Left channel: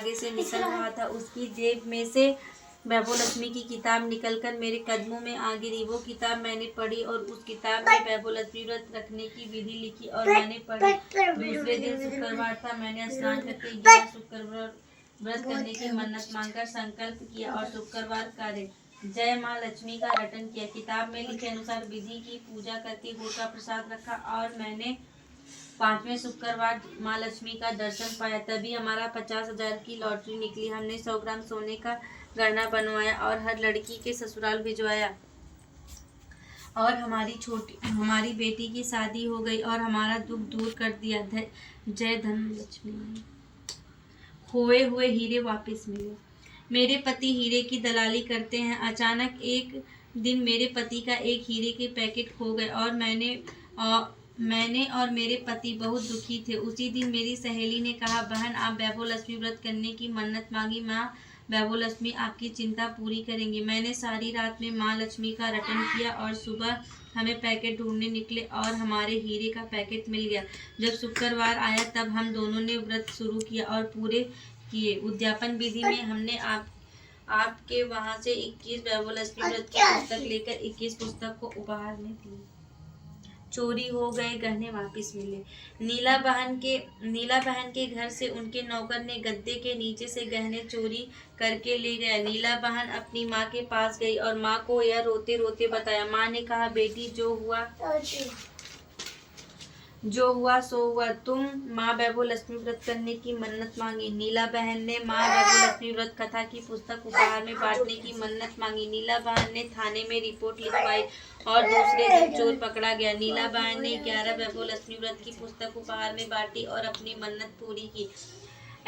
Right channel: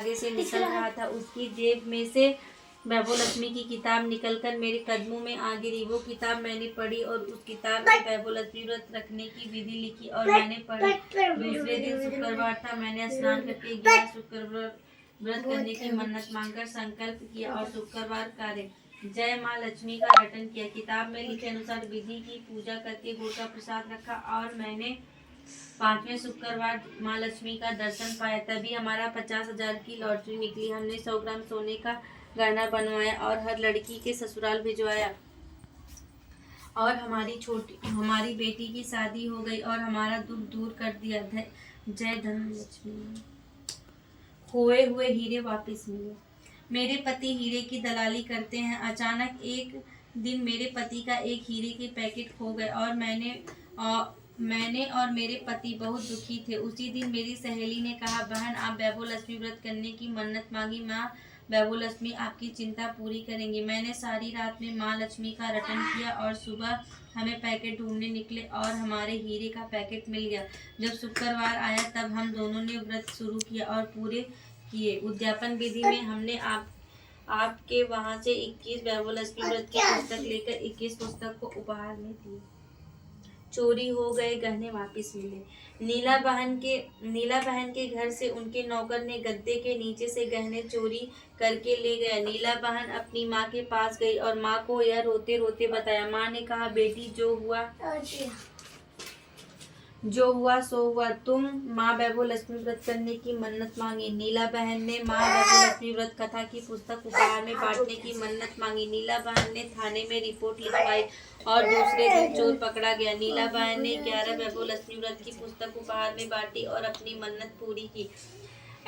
आगे से निकल रहा था। उसकी जेब में से वैभवलक्ष्मी की किताब निकलकर मेरे कदमों में आ गिरी। वो किताब मैंने पढ़ी और उस किताब में वैभवलक्ष्मी व्रत रखने की विधि लिखी और मैंने पढ़ी। दूसरे दिन शुक्रवार था। मैंने स्नान करके गया, शुक्रवार व्रत करने की मन्नत मांगकर संकल्प किया और शुक्रवार कार्य जय माँ लक्ष्मी का रटन किया। किताब में लिखे अनुसार विधि की पूजा करके गुड़ का प्रसाद रखा और मैंने 5वें शुक्रवार माँ लक्ष्मी का दर्शन पाया। तभी हमारा 50,000 की लॉटरी निकली। हमने 100 ग्राम सोने का गहना बनवाया और हर लड़की के ससुराल भिजवाया और हमारी बेटी की शादी हो गई और हमारा दुख दूर कर दिया। जय धन लक्ष्मी। खोए हुए हीरे वापस मिले। मेरे पति हीरे की दलाली करते हैं। अचानक एक दिन मेरे पति का एक हीरे के पैकेट खो गए और मैंने और मेरे पति बहुत दुखी थे। उसी दिन मेरी सहेली ने कहा, बहन आप वैभवलक्ष्मी व्रत करने की मन्नत मांगी, माँ वैभवलक्ष्मी आपकी चिंता पूरी करेंगे। मैंने सारी रात में माँ लक्ष्मी का रटन किया और सुबह हमें पैकेट ढूंढने निकले और हमारे हीरे का पैकेट मिल गया। जब शुक्रवार आया तब हम दोनों ने व्रत शुरू किया और पूरे किए। उद्यापन विधि में हमने आपके वहाँ से 21 वैभवलक्ष्मी व्रत की पुस्तक लेकर 21 पुस्तक को उपहार में दी। चोरी हो गए गहने वापस मिले। नीला बहन के घर से उनके नौकर ने गद्दे के नीचे से गहने चोरी करके ले गया। नीला बहन अपनी माँ के पास गई और माँ को यह रोते रोते बताया। माँ ने कहा, बेटी जो हुआ सो हुआ। तुम माँ वैभवलक्ष्मी व्रत करने की मन्नत मांगी। नीला बहन ने माँ वैभवलक्ष्मी व्रत कथा की पुस्तक उपहार में बांटने की मन्नत मांगी। नीला बहन ने थाने में रिपोर्ट लिखवाई और दूसरे दिन चोर पकड़ा गया। नीला बहन ने 11 वैभवलक्ष्मी व्रत की पुस्तक उपहार में बांटी और अपनी मन्नत पूरी की।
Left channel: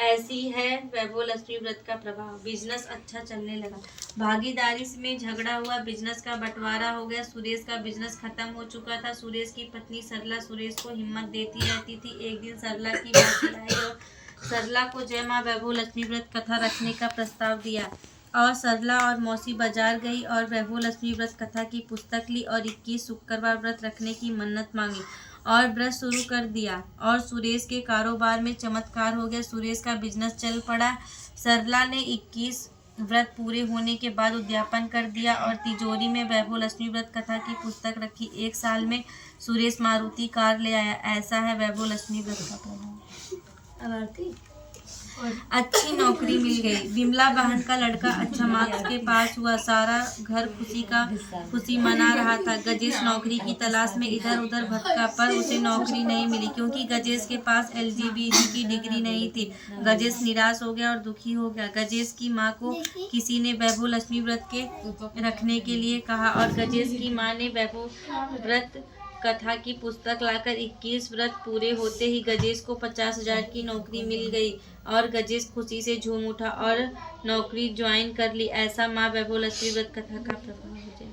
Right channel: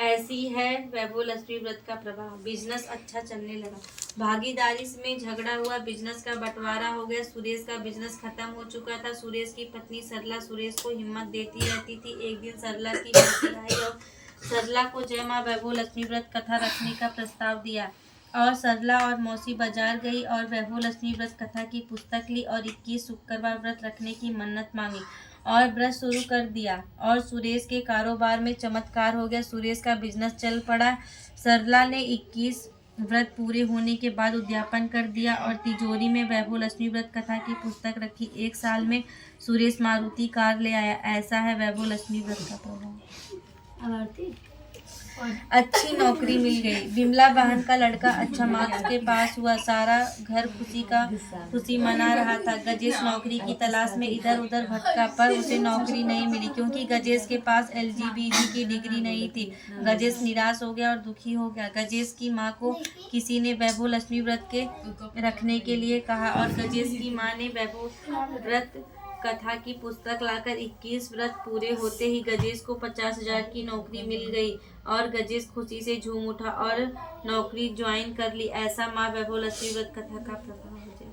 ऐसी है वैभवलक्ष्मी व्रत का प्रभाव। बिजनेस अच्छा चलने लगा। भागीदारी में झगड़ा हुआ, बिजनेस का बंटवारा हो गया। सुरेश का बिजनेस खत्म हो चुका था। सुरेश की पत्नी सरला सुरेश को हिम्मत देती रहती थी। एक दिन सरला की मौसी आई और सरला को जय माँ वैभवलक्ष्मी व्रत कथा रखने का प्रस्ताव दिया और सरला और मौसी बाजार गई और वैभवलक्ष्मी व्रत कथा की पुस्तक ली और 21 शुक्रवार व्रत रखने की मन्नत मांगी और व्रत शुरू कर दिया और सुरेश के कारोबार में चमत्कार हो गया। सुरेश का बिजनेस चल पड़ा। सरला ने 21 व्रत पूरे होने के बाद उद्यापन कर दिया और तिजोरी में वैभवलक्ष्मी व्रत कथा की पुस्तक रखी। 1 साल में सुरेश मारुति कार ले आया। ऐसा है वैभवलक्ष्मी व्रत का प्रभाव। अच्छी नौकरी मिल गई। विमला बहन का लड़का अच्छा मार्क्स के पास हुआ। सारा घर खुशी मना रहा था। गजेश नौकरी की तलाश में इधर उधर भटका पर उसे नौकरी नहीं मिली क्योंकि गजेश के पास LGBT की डिग्री नहीं थी। गजेश निराश हो गया और दुखी हो गया। गजेश की माँ को किसी ने वैभवलक्ष्मी व्रत के रखने के लिए कहा और गजेश की माँ ने वैभव व्रत कथा की पुस्तक लाकर 21 व्रत पूरे होते ही गजेश को 50,000 की नौकरी मिल गई और गजेश खुशी से झूम उठा और नौकरी ज्वाइन कर ली। ऐसा माँ वैभवलक्ष्मी व्रत कथा का प्रभाव हो जाए।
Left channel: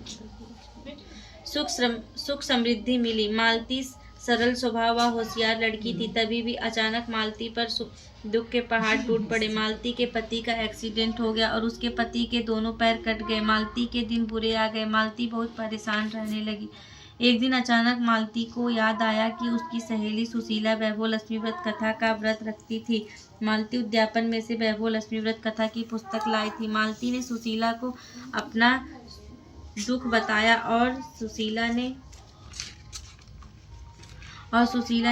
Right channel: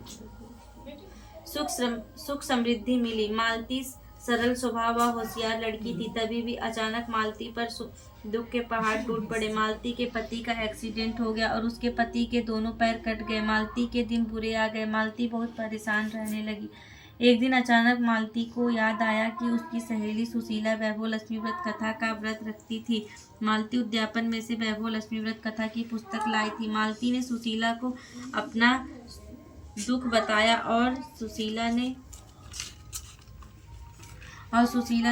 सुख समृद्धि मिली। मालती सरल स्वभाव व होशियार लड़की थी। तभी भी अचानक मालती पर दुख के पहाड़ टूट पड़े। मालती के पति का एक्सीडेंट हो गया और उसके पति के दोनों पैर कट गए। मालती के दिन बुरे आ गए। मालती बहुत परेशान रहने लगी। एक दिन अचानक मालती को याद आया कि उसकी सहेली सुशीला वैभवलक्ष्मी व्रत कथा का व्रत रखती थी। मालती उद्यापन में से वैभवलक्ष्मी व्रत कथा की पुस्तक लाई थी। मालती ने सुशीला को अपना दुख बताया और सुशीला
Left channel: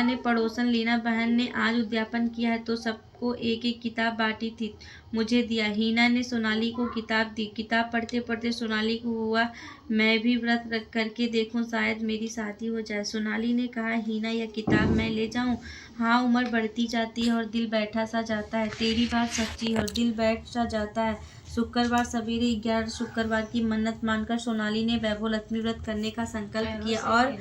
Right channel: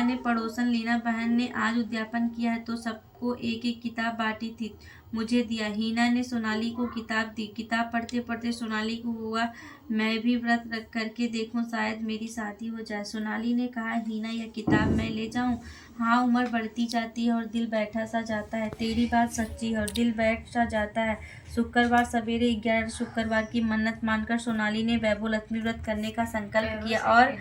ने पड़ोसन लीना बहन ने आज उद्यापन किया है तो सबको एक एक किताब बांटी थी, मुझे दिया। हीना ने सोनाली को किताब दी। किताब पढ़ते पढ़ते सोनाली को हुआ मैं भी व्रत करके देखूं, शायद मेरी शादी हो जाए। सोनाली ने कहा, हीना यह किताब मैं ले जाऊं? हाँ, उम्र बढ़ती जाती है और दिल बैठा सा जाता है। तेरी बात सच्ची है और दिल बैठ सा जाता है। शुक्रवार सवेरे 11 शुक्रवार की मन्नत मानकर सोनाली ने वैभवलक्ष्मी व्रत करने का संकल्प किया और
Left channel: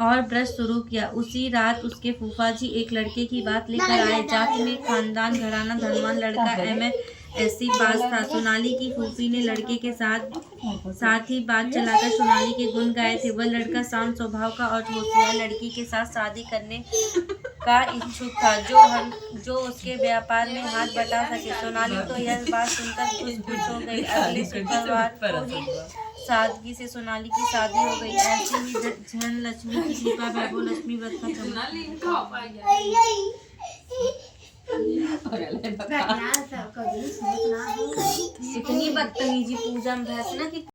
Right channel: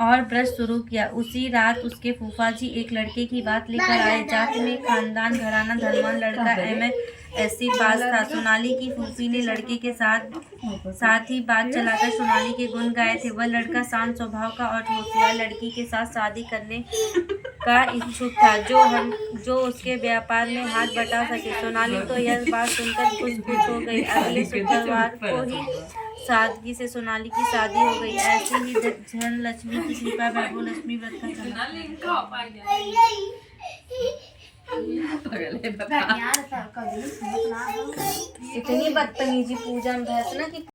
व्रत शुरू किया। उसी रात उसके फूफा जी एक लड़के की बात लेकर आए। जात में खानदान घराना धनवान लड़का MSc पास था। सोनाली की फूफी ने लड़के के साथ ही बात चलाकर सोनाली के गुण गाए थे। वह लड़का शांत स्वभाव का और होशियार लड़की के साथ शादी करने का इच्छुक था जो उसके व्यापार में हाथ बटा सके। सोनाली तो यह बात सुनकर खुश हो गई। अगले शुक्रवार को ही सादगी से सोनाली की शादी हो गई। ऐसे ही धन लक्ष्मी की कृपा वैभवलक्ष्मी व्रत का इतनी बदतमीजी पूजा में भैंस ना कि